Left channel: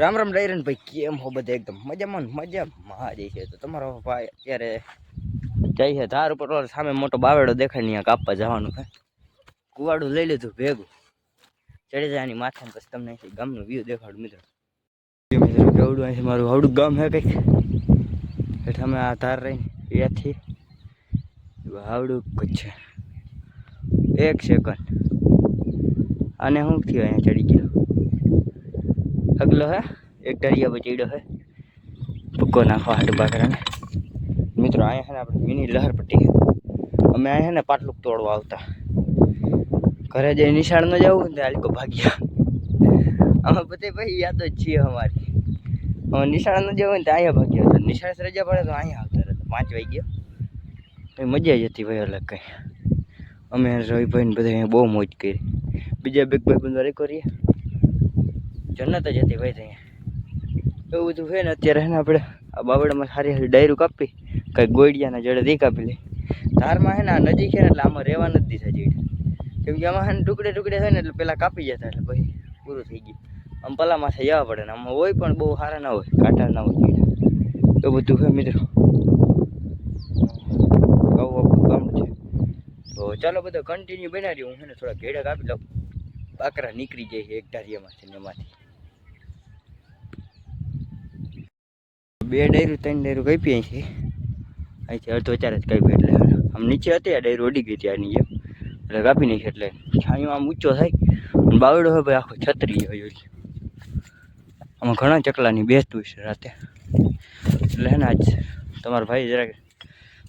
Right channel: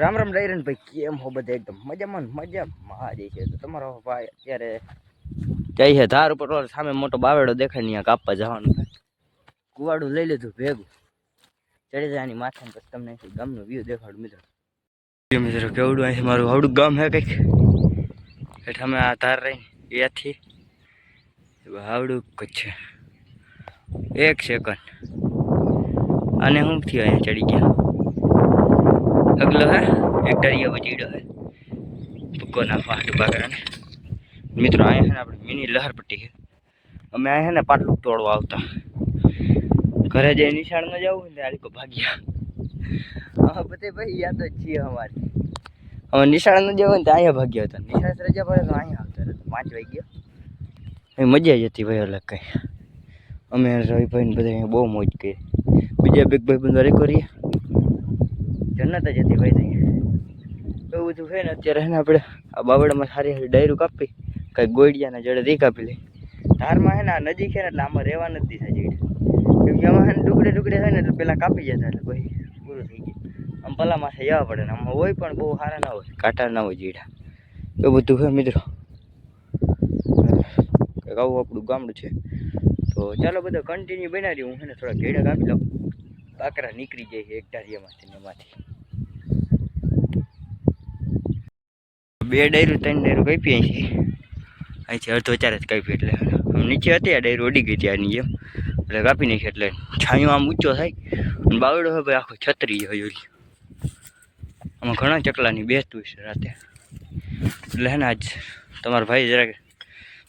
રામ રામ ડાયરન ભાઈ, કેમ હો બધા? એકદમ મજામાં મજામાં જ છે. તો તમારો ભાઈ અત્યારે જાય છે ધાર ઉપર. સામે મોટો બાવેડો દેખાય ને, ત્યાં કાપવા જવાનું છે. કુવાડું લઈ લીધું ભેગું, ચડી જાય એની માથે. પછી તમને ગામનો વ્યૂ દેખાડું મિત્રો. મિત્રો કેવડું અહીં મારું આવડું ગામ હે કંઈક. હેઠા અમે આ ધાર રહીને ત્યાંથી આવડું જ છે. 1 સેકન્ડ અને શું થયું? અહીંયા ચડી ગયા. અગલો હે એક દરિયા બચીડો હે ભૂકો નાખવા હાટું બાકરાને. મિત્રો અહીંયા છે ને આપણે મિની લહરપટ્ટી છે. અમે અહીંયા છે ને પાટલું તોડવા આવતા. ઘરે જઈ નિશાળ ન જવું ને આliko ભાગ્યા. અમે બધે ભાઈ યાદ જ છીએ અમારી. અમે નિશાળ ન જવું ને તો અહીંયા ભાગ્યા હતા. નિશાળ રજા પડે તો અહીંયા આવતા રહેતા. 5 વાગ્યા એ મજા જ હતી ભાઈ અલગ કંઈ. અમે રવિભાઈ ને બધા બહુ મોજ કરી. બીજા બે ભાઈ બંધ કરીએ જન્નત જ હતી ભાઈ. ત્યાં એવું બધું છે ને. અત્યારે છે ને આપણે આ બાવડામાં સારી સારી ડાયરું કાપી, કંઈક ગોળિયાના જડે દઈ કાપી લઈ. ધારમાં છે ને આ નજીક છે ને એટલે આમાં રહેવા નથી દીધા જડે. કેમ કે આમાં છે ને ટુકડે ટુકડે છે ને એટલે પેલા કાપી જતા, એટલે પછી પૂરું થઈ ગયું. આમ પલામાં જવા પડે ને. આમાં હોય પણ બહુ સારા ના હોય, કાંટા ના હોય જીડા. એવું બધું છે મિત્રો. આવું આપણું ગામડું છે. તો ચાલો બધો કન્ટિન્યુ બનાવી. હું છે ને થોડા ઘેડા કાપી લઉં. બાકરા નીકળી જાય છે એક ધારિયામાંથી ને એમાંથી. 2 ડાયરું 3 ડાયરું કાપી છે. અહીંથી અડધો 4 જ કાપી. એટલે આમ નીચે હતી આ ડાયરું અડી ગઈ હતી આની જેમ, એટલે કાપી નાખી. એટલે છાંયો આમ ઊંચો થાય. અને બાવડો હોય ભાઈ આખો છત્રી હોય. આમાં ઘણા ચકલાની બેસતું છે રાતે. એટલે હે ને આજ તમારો ભાઈ જરાક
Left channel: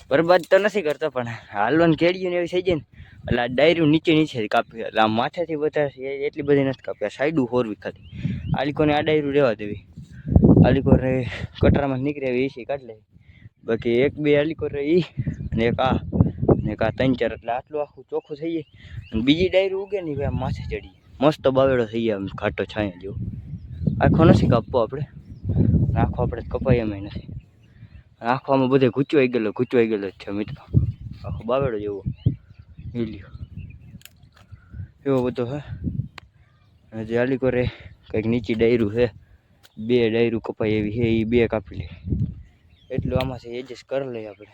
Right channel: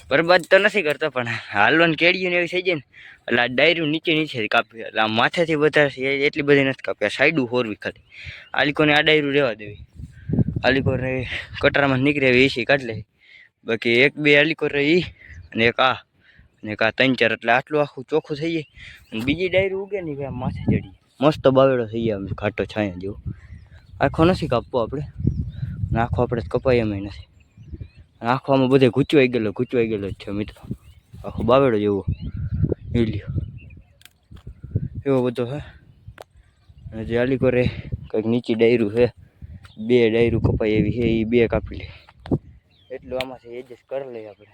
બરબાદ તો નથી કરતો, પણ હાલવાની કેળીઓ ને એવી થઈ જાય ને એટલે આ ડાયરું નીચે કાપી. એટલે આ માથેથી વધારે એટલી બધી નથી કાપી. આ સાઈડું હોરવી ખાલી. આ લીકોને આ ડાયરું રહેવા દેવી. આલીકોર કટરામાં નીકળે એવી એસી કાઢ લે. બાકી 1-2 આલીકોર રહી અને એક આ 3-4. એટલે આટલું આખું ચોખ્ખું થઈ જાય. અને બીજી ડાયરું ઉગે ને ભાઈ માથે ચડી મસ્ત બાવેડો થઈ જાય. આમ ઘાટો છાંયો જેવો. આખો નથી કાપવો આપણે. આખો આપણે કપાય એમ નથી. આખો આમાં બધે ગૂંચવાઈ ગયેલો જ છે મિત્રો. આખો બાવેડો જેવો હીલ્યો એવો બધો હે. અને જે આલીકોરે કંઈક નીચી ડાયરું છે, 2 ડાયરું કપાય એવી છે. એ 2 કાપી લે. એટલું આમાંથી એડજસ્ટ કરી લઈએ આપણે.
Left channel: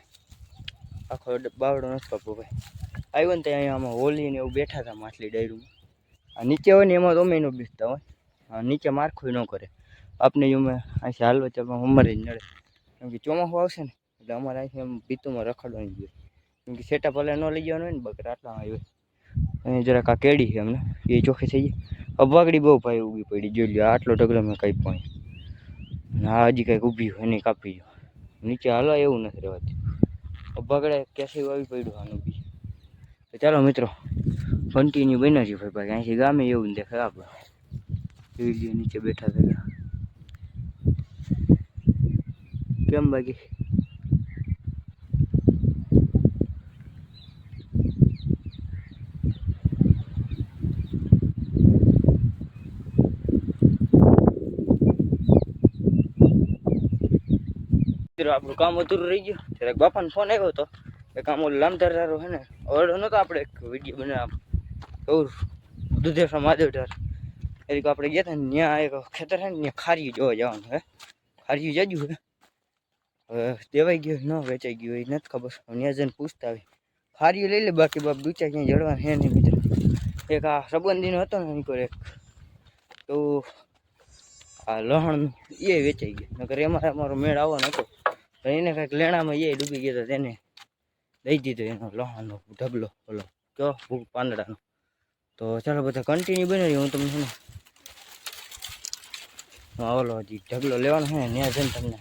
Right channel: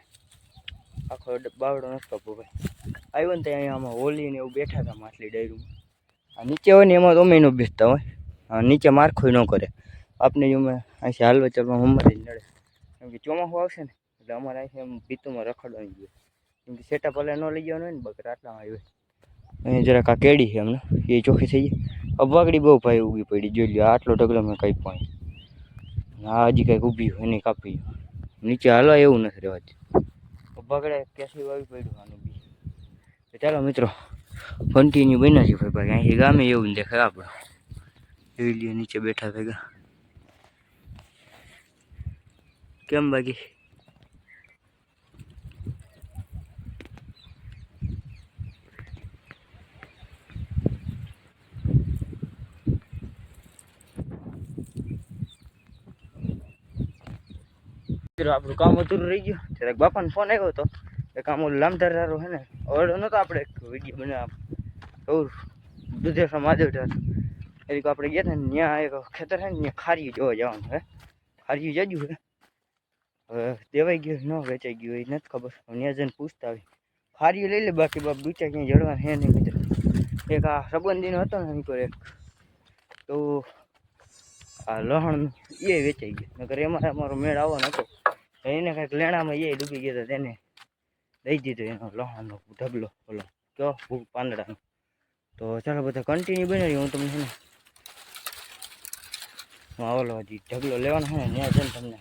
આખો બાવડો નથી કાપવો ભાઈ. આવ્યો ને ત્યાં અહીંયા આમાં હોલી ને એવું બેઠા હતા માછલી ડાયરુંમાં. આ નીચે હોય ને એમાં તો અમે ન બેસતા હોય. નીચે મારખોય ન કરે આપણે. અમે અહીંથી હાલવા ચાલવા અમારે નડે. કેમ કે ચોમાસું આવશે ને એટલે અમારે અહીંથી એમ ભીતુંમાં રખડવાની જોઈએ. કેમ કે સેટા પલે ન લઈ જવાનું હોય ને બકરા આટલામાં આવ્યો. અહીંયા જરાક આ કેડી છે અમને, એ ચોખ્ખી થઈ જાય. અબાગડી બહુ ભાઈ ઊભી પડી. જોઈ લો આટલો ઢગલો મેં કંઈ પણ. હા હજી કંઈક ઊભી હોય એને કાપી. નીચે હાલવા એવું નથી રહેવાતું. અબાગડે કેસી આવી પડ્યું આનું બી. તો ચાલો મિત્રો કન્ટિન્યુ બનાવી ભાઈ. બાકી અહીંથી ગામે એવું દેખાય આપણે. જોઈ લઈએ નીચે બેઠા ભેગા કેમ. બાકી આપણું કામ અધૂરું રહી ગયું. જરાક બાપાનો ફોન આવ્યો હતો. એ કામ ઓલું લામધારો છે ને, ઓર્ડર નહોતો આપણે એક વિડીયો બનાવ્યા દુધેશ્વર મહાદેવધાર. એ આપણે ગયા હતા ને ત્યાં એક ખેતર છે ને, ત્યાં ખારીયું જોવા જવાનું હે. ખારીયું જાજુ હે. હવે દેવાઈ ગયું ન વેચાઈ ગયું એ નથી ખબર. ત્યાં જઈને પૂછતા આવી. ખારીયું લઈ લે. બાકી બાપ દૂચા ક્યાંય જડવાનું હે નહીં મિત્રો. એક આ સંબંધીનો હતો ને એની પર એક, તો આ લહણ એ વેચાઈ ગયું. નકર એમાં અમારો મેળ આવવાનો હતો. એને કાંઈક લેણામાં એ ડૂબી ગયો હતો. તેને દઈ દીધો એનો લહણનો ઢગલો ઓલો તો પાંદડાનો. તો ચાલો બધા કન્ટિન્યુ બનાવી. હું તમને છે ને ઓલો હજી ઢગલો લેવાનો છે ને ત્યાં જઈને તમને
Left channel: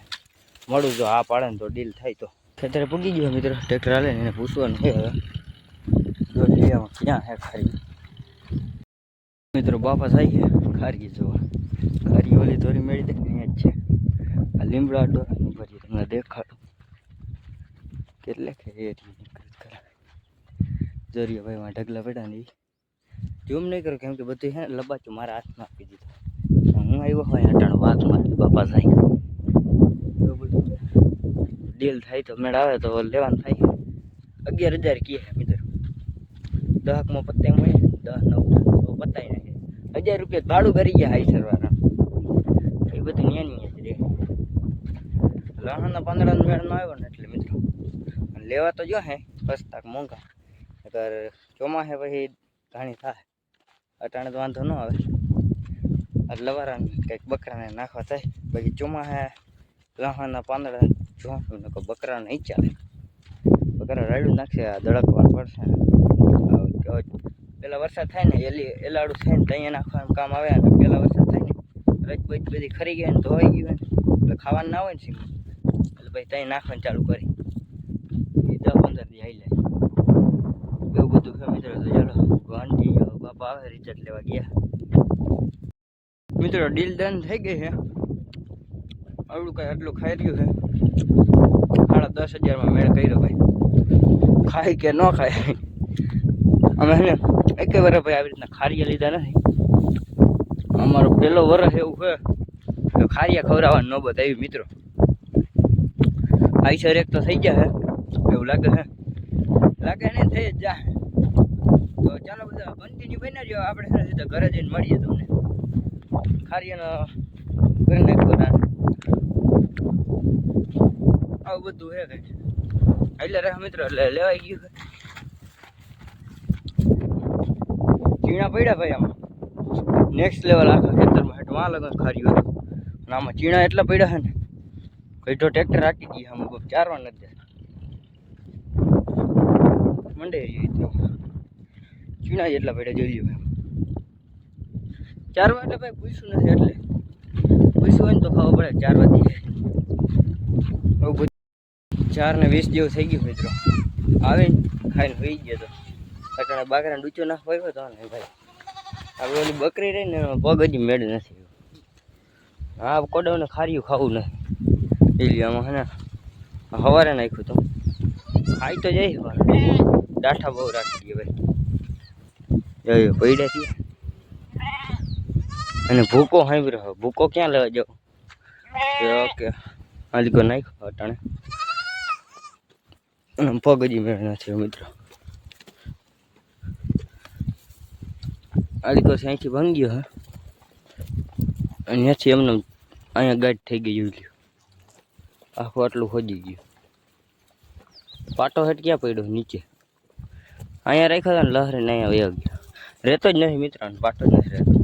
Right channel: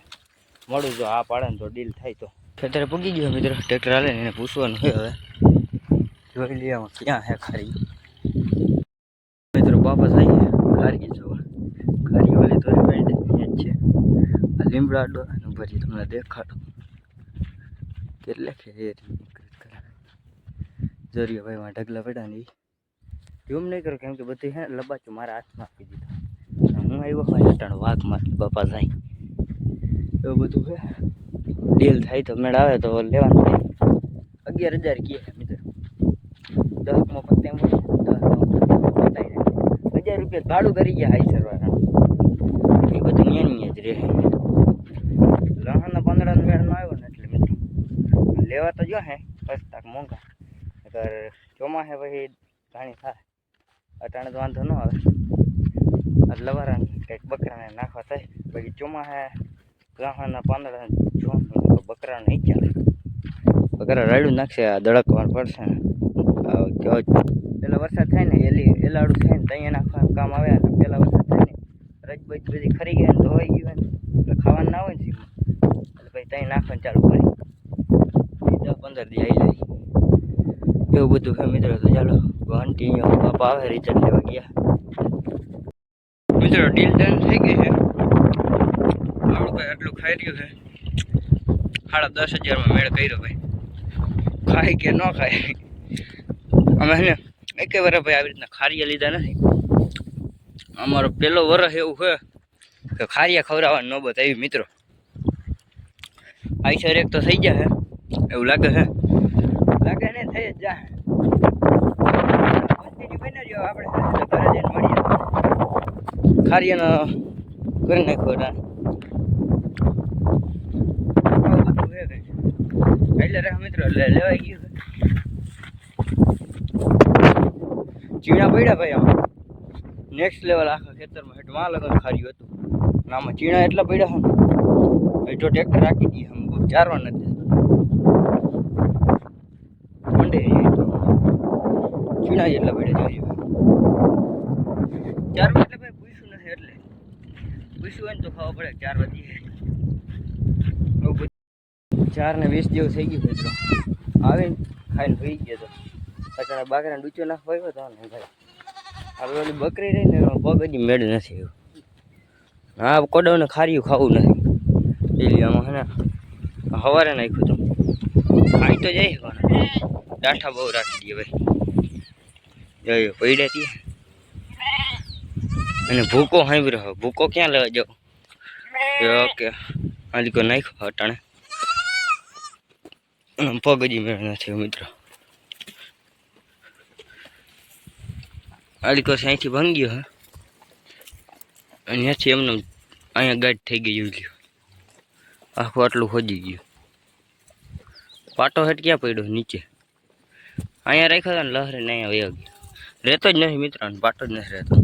મળું. જો આ પાડે ને તો ડીલ થાય. તો ખેતરે પૂગી ગયો મિત્રો. ટ્રેક્ટર હાલે ને એને પૂછવાનું છે. હવે જોઈ લઈએ ક્યાં હે ખારી. મિત્રો બાપા થઈ ગયા ખારી જોવા. ખારી ઓલી તો મેળી દે અહીંયા જ છે. આ લીમડા ડોરાનું ભરી તમને દેખાડું કેટલે ખેરી નીકળી કરે. જરીયો ભાઈ માં ઢગલા પડ્યા ને જોમ નહીં કરો. કેમ કે બધું છે ને લબાચું મારા હાથમાં આપી દીધું. હું આવ્યો હોય અટાણ વાઘ મારી બાપા થાય એવું બધું છે. ડીલ થાય તો મેળ આવે તો લેવાનું થાય. 11,000 કહે મિત્રો. 10માં પત્તા મળે. 10 પતાય 1,000 રૂપિયા ભાડું કરી ગયા હાઈ સરવાળા. એ બધું ન્યાની જ રહે. લહણના પાંદડાનો મેળ ન આવ્યો ને એટલે મિત્રો લેવા તો જો હે પસ્તાક મોંઘા, અગર ચોમાસે પછી ઘાણી થાય. અટાણે તો વાંધો ન આવે, લવારાને કંઈક બકરાને નાખવા થાય. બાકી ચોમાસે લહણના પાંદડા જો બકરાને નહીં ચાલે. બકરા રાડ્યું નાખશે, આ દળકવાનું પડશે ને. પેલા વરસાદ થાય ને એલાડું થાય ને ત્યાં નાખવાનું કામ આવે ને. પેલા વરસાદ થાય ને રજબજ બધી ખરી ગયા ને ધોવાઈ ગયું ને એટલે ખાવાનું ના હોય ને સીમાં, એટલે પછી ત્યાં નાખવાનું ચાલુ કરી 10-15 દી આવી જાય. એવું બધું છે મિત્રો. તો ચાલો કન્ટિન્યુ. બાપા આવે રિઝલ્ટ લેવા ગયા મિત્રો. ડીલ ડન થઈ ગઈ છે. આવડું કંઈ આટલું ખાઈ રહ્યું છે. 10,500 મેળ કર્યો ભાઈ. ખાય કે ન ખાય, અમે હે ને એક વાર ભાઈ આવી રીતના ખારિયા લીધા નથી. અમારો પહેલો વરસ એવું છે કે ખારિયા ખવડાવવાની નોબત આવી મિત્રો. આઈસર એક તો થઈ જાય એવું લાગે છે. લાગે ને થઈ જ જાય. કન્ટિન્યુ બની રહ્યો આપણે ઘરે જઈને મળીએ. ખારિયાનો કરી નાખ્યો આવું બધું છે કંઈ એટલે રહે મિત્રો. એટલે લેવાઈ ગયું. ચીણા પડ્યા ભાઈ આમાં નેક્સ્ટ લેવલ. આખા ખેતરમાં હેઠમાં લગન ખાર્યું હતું અને આમાં ચીણા એટલા પડ્યા છે ને ભાઈ. તો ટ્રેક્ટર રાખી દઈએ આમ કોઈ ચારવા નથી મંડે તો ચીણા જેટલા પડ્યા જોઈએ ભાઈ. ચારવા એટલે ભાઈ પૂછ્યું નથી, એટલે પૂછ્યું હોય ને તો ખાવા પડે. 4 વાગી 4:20 જેવું થઈ ગયું મિત્રો. આવીને ખાઈને હોઈ ગયો તો અટાણે બાકરાને ડૂચો નાખવા આવ્યો તો ને ભાઈ. આપણે ઓલી બકરી રહી ને પગ હજી મેળ નથી. હા કોડાને ખાર્યું ખાવું નથી. ડેલી આમાં હે ને સવારે નાખ્યું તો ખાઈ તો જાય પણ ડાઠા બહુ રાખી દઈએ ભાઈ. જોઈએ પડ્યા છીએ અને ભૂકો સાંભળ્યો. ભૂકો ક્યાં લેવા જાવ? ઓકે આલીકો નાખ્યો અટાણે અને પગ હજી મેળ નથી મિત્રો. આલીકો અહીંથી ભાંગ્યો હે અને ત્યાંથી એમને અહીંયા ગાઢ થઈ ગઈ જોઈ લ્યો. આખું આટલું ખોજી ગયું. પાટો હેઠ ક્યાં પડ્યો? નીચે. અહીંયા રાખ્યો હતા ને લહરીને અહીંયા વયો ગયો. રહેતો જ નથી મિત્રો. પાટો જ નથી રહેતો.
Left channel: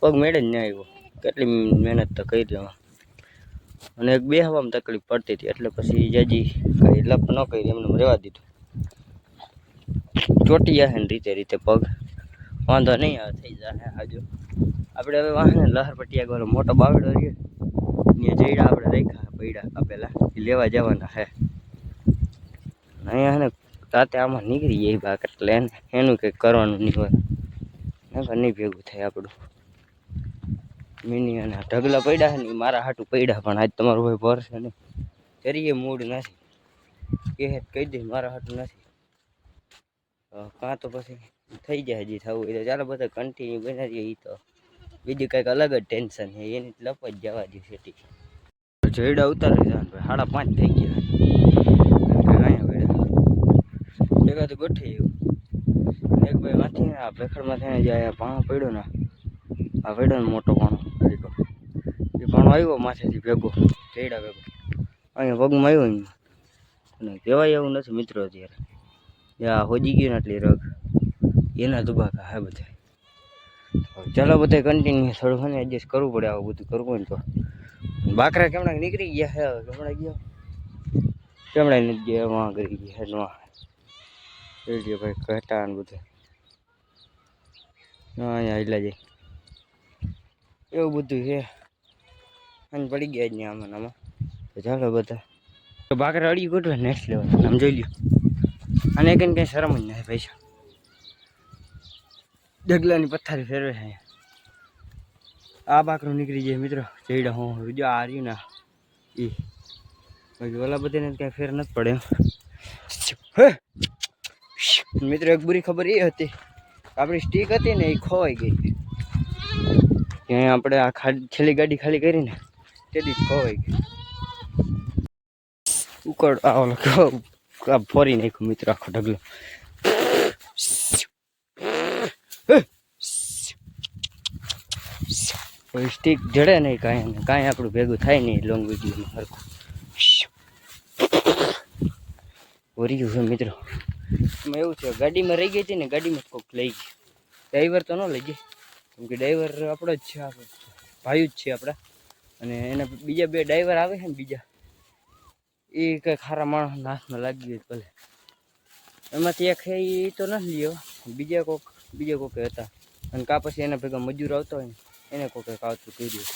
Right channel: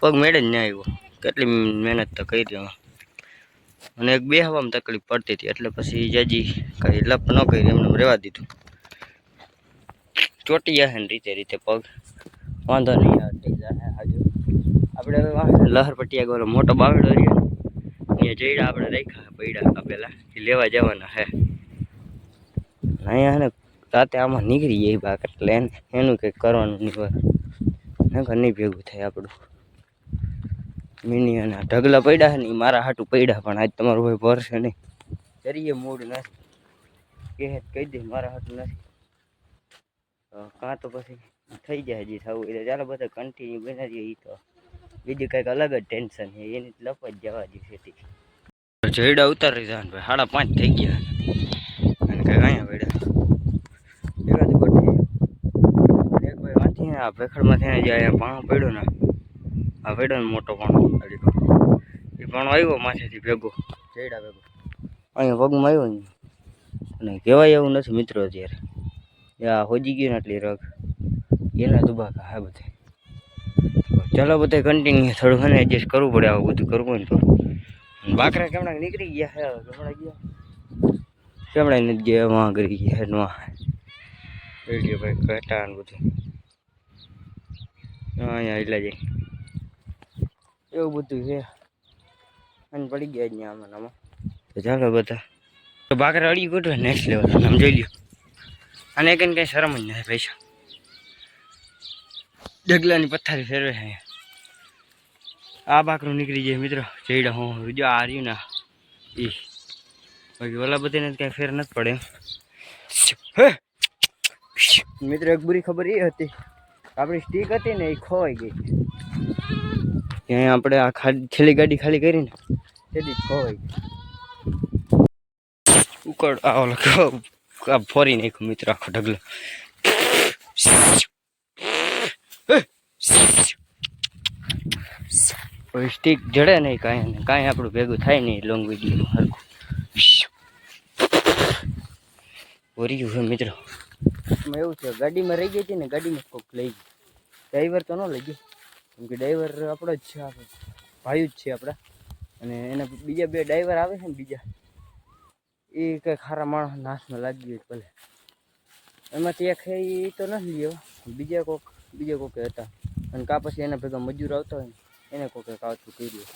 પગ મેળે જ ના આવ્યો. કેટલી મહેનત તો કરી એમાં. અને એક બેહવામાં તકલીફ પડતી હતી એટલે પછી જાજી કાંઈ લપ ન કરી એમને રહેવા દીધું. ચોટી જશે ને રીતે પગ વાંધો નહીં આવે, થઈ જાય હાજુ. આપણે હવે વાંધો લહર પટ્ટિયા ગયેલો મોટો બાવડો રહ્યો ને એ જઈડા આપણે રાખ્યા પડ્યા આપેલા એ લેવા જવાના હે. અહીંયા ને રાતે આમાં નીકળી જાય બાક એટલે એનું કંઈક કરવાનું નહીં હોય ને નહીં ભેગું થાય આપણું. મિની અને ઢગલા પડ્યા ને એ મારા હાટું પડ્યા પણ આજ તમારું ભાઈ ભરશે નહીં. કરીએ મૂડ નથી એ કહી દે મારા હાટું નથી કાં તો પછી થઈ જાય હજી થવું એટલે ચાલો બધા કન્ટિન્યુ બનાવીએ. એ તો બીજું કંઈક અલગ જ ટેન્શન છે એની લપ જ જવા દે સેટી. જયડા ઉતારી જવાનું ભાઈ. 5:30 થઈ ગયા અને કંઈક અહીંયા પડ્યા એકાદું ગોઠવી ગયું. એક ભાઈ વાંચી ને આ ભેખડમાંથી ને જે અહીંયા પાણો પડ્યો ને આ પડ્યો ને મોટો પાણો અડીકો એ પાણો આવ્યો માથેથી ભેગો જયડા ભેગો અહીંયા પગમાં આવ્યો ને અને કહેવાય એવું નથી મિત્રો. અત્યારે આ હોજી ગયું ને એટલી રગ એના દુબાકા હા બધા. ચાલો બધા કન્ટિન્યુ થોડું છે ને એડજસ્ટ કરવું પડે. આવું બધું કરવું ને તો બાકરા કેમણા નીકળી ગયા હે. કેમણા ગયા કેમણા નથી ગયા વાં કરી ગયા હેડમાં રેડિયો ભાઈ ઘટા ને બધું અહીંયા એટલા જાય એવું બધું છે. અને પડી ગયા જ ને આમાં આમાં. તો ચાલો બધા તો બાકરા અડી ગોઠવે નેક્સ્ટ લેવલ. આમ જોઈ લ્યો અને કંઈ કંઈ શરમ જ નથી પૈસા. ડગલાની પથ્થારી ફેરવે છે. આ બાકરું નીકળી જાય મિત્રો. જઈડા હું જો આ રહ્યું ને એ બાકી ઓલા બધાને કાંઈ ફેર નથી પડે મિત્રો. એક બુરી ખબર એ હતી આપણી સ્ટીક હતી ને એ ખોવાઈ ગઈ. ત્યાં આપણે આ છેલ્લી ગાડી ખાલી કરીને તેથી જ ખોવાઈ ગઈ. ઉકળ આ ઓલો ફોરી નાખ્યું મિત્રો આખો ઢગલો. કોઈ સ્ટીક જડે નહીં કાંઈ કાંઈ આપણું ભેગું થાય નહીં લોંગ વિડીયોમાં હરખું ભર્યું છે મિત્રો. એમાં એવું છે ગાડીમાં રહી ગઈ હતી ને ગાડીમાં કોઈક લઈ ગઈ. ડ્રાઈવર તો ન લઈ ગઈ કેમ કે ડ્રાઈવર આપણો જ છે, આપણે ભાઈ જ છે આપણા. અને એના બીજા 2 ડ્રાઈવર આવે છે ને બીજા એ કંઈ ખારા માણસના હાથમાં લાગી ગયું ભલે. એમાંથી એક એ તો નથી લ્યો, બીજા કોકે હતા. અને કાં પછી એના ભેગા મજૂર આવતા હોય ને એને કોકે કાવતું કર્યું.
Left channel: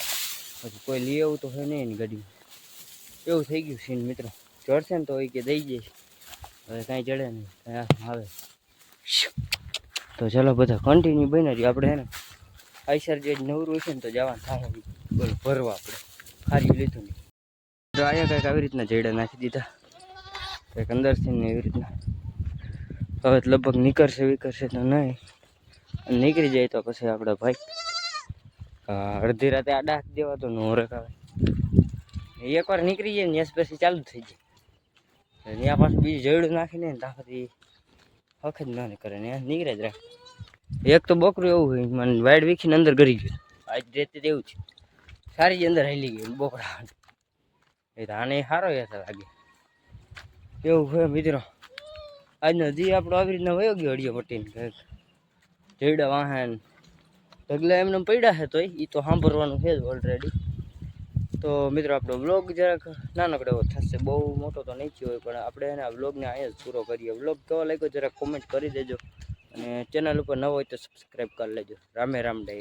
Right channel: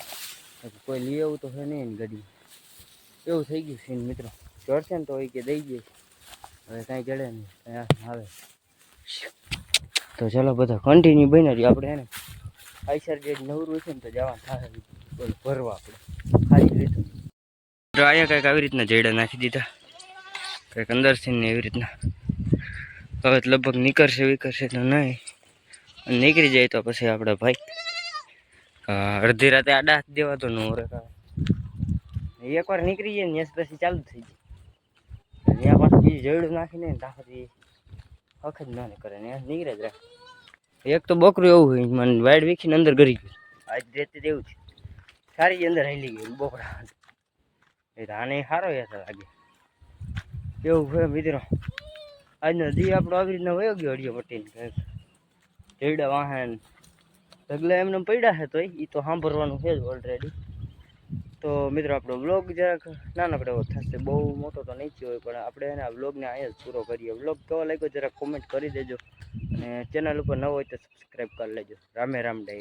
પછી કોઈ લઈ આવું તો છે નહીં એની ગાડીમાં. એવું થઈ ગયું સીન મિત્રો. ચડશે ને તો એ કે દઈ જઈશ, હવે કાંઈ ચડે નહીં આવે. તો ચાલો બધા કન્ટિન્યુ બન્યા છીએ. આપણે એને આઈસર જે નવરું હશે ને તો જવાનું થાય બોલો ભરવા. આપણે ખાલી લીધું તો અહીંયા કંઈક આવી રીતના જયડા નાખી દીધા, કંઈક અંદરથી ને એવી રીતના. હવે લગભગ નીકળશે તો નહીં, અને નીકળી જાય તો પછી આપણે ભાઈ અડધી રાતે આડા હાથ દેવા તો નો રેખાવે. એકવાર નીકળી જાય ને પછી ચાલુ થઈ જાય. ત્યાં પાછું બીજું જયડું નાખીને ત્યાં પછી હખ જ ના કરે ને નીકળે જ રાખે. એક તો બકરું એવું હોય મને વાઈડ વીખીને અંદર ગરી ગયું. આજ રેતી એવું છે સારી જ અંદર હાલી ગયું બોકડા. એ તો આને સારો યાર લાગે એવું હોય મિત્રો. આજનો દી આપણો આવી રીતના વયો ગયો અડિયો પટ્ટીને. જયડા વાહન ઢગલા એમને પડ્યા છે તો એ તો સાંભળવાનું છે જ ઓલરેડી. તો મિત્રો આપણો વ્લોગ જરાક નાનકડો એવો થશે, બહુ મોટો તો નહીં થયો હોય, પણ આપણે એના વ્લોગને અહીંયા જ પૂરો કરીએ. વ્લોગ કેવો લાગ્યો જરાક કોમેન્ટ કરી દેજો, અને ચેનલ ઉપર ન હોય તો સબસ્ક્રાઈબ કરી લેજો. રામે રામ ડાયરા.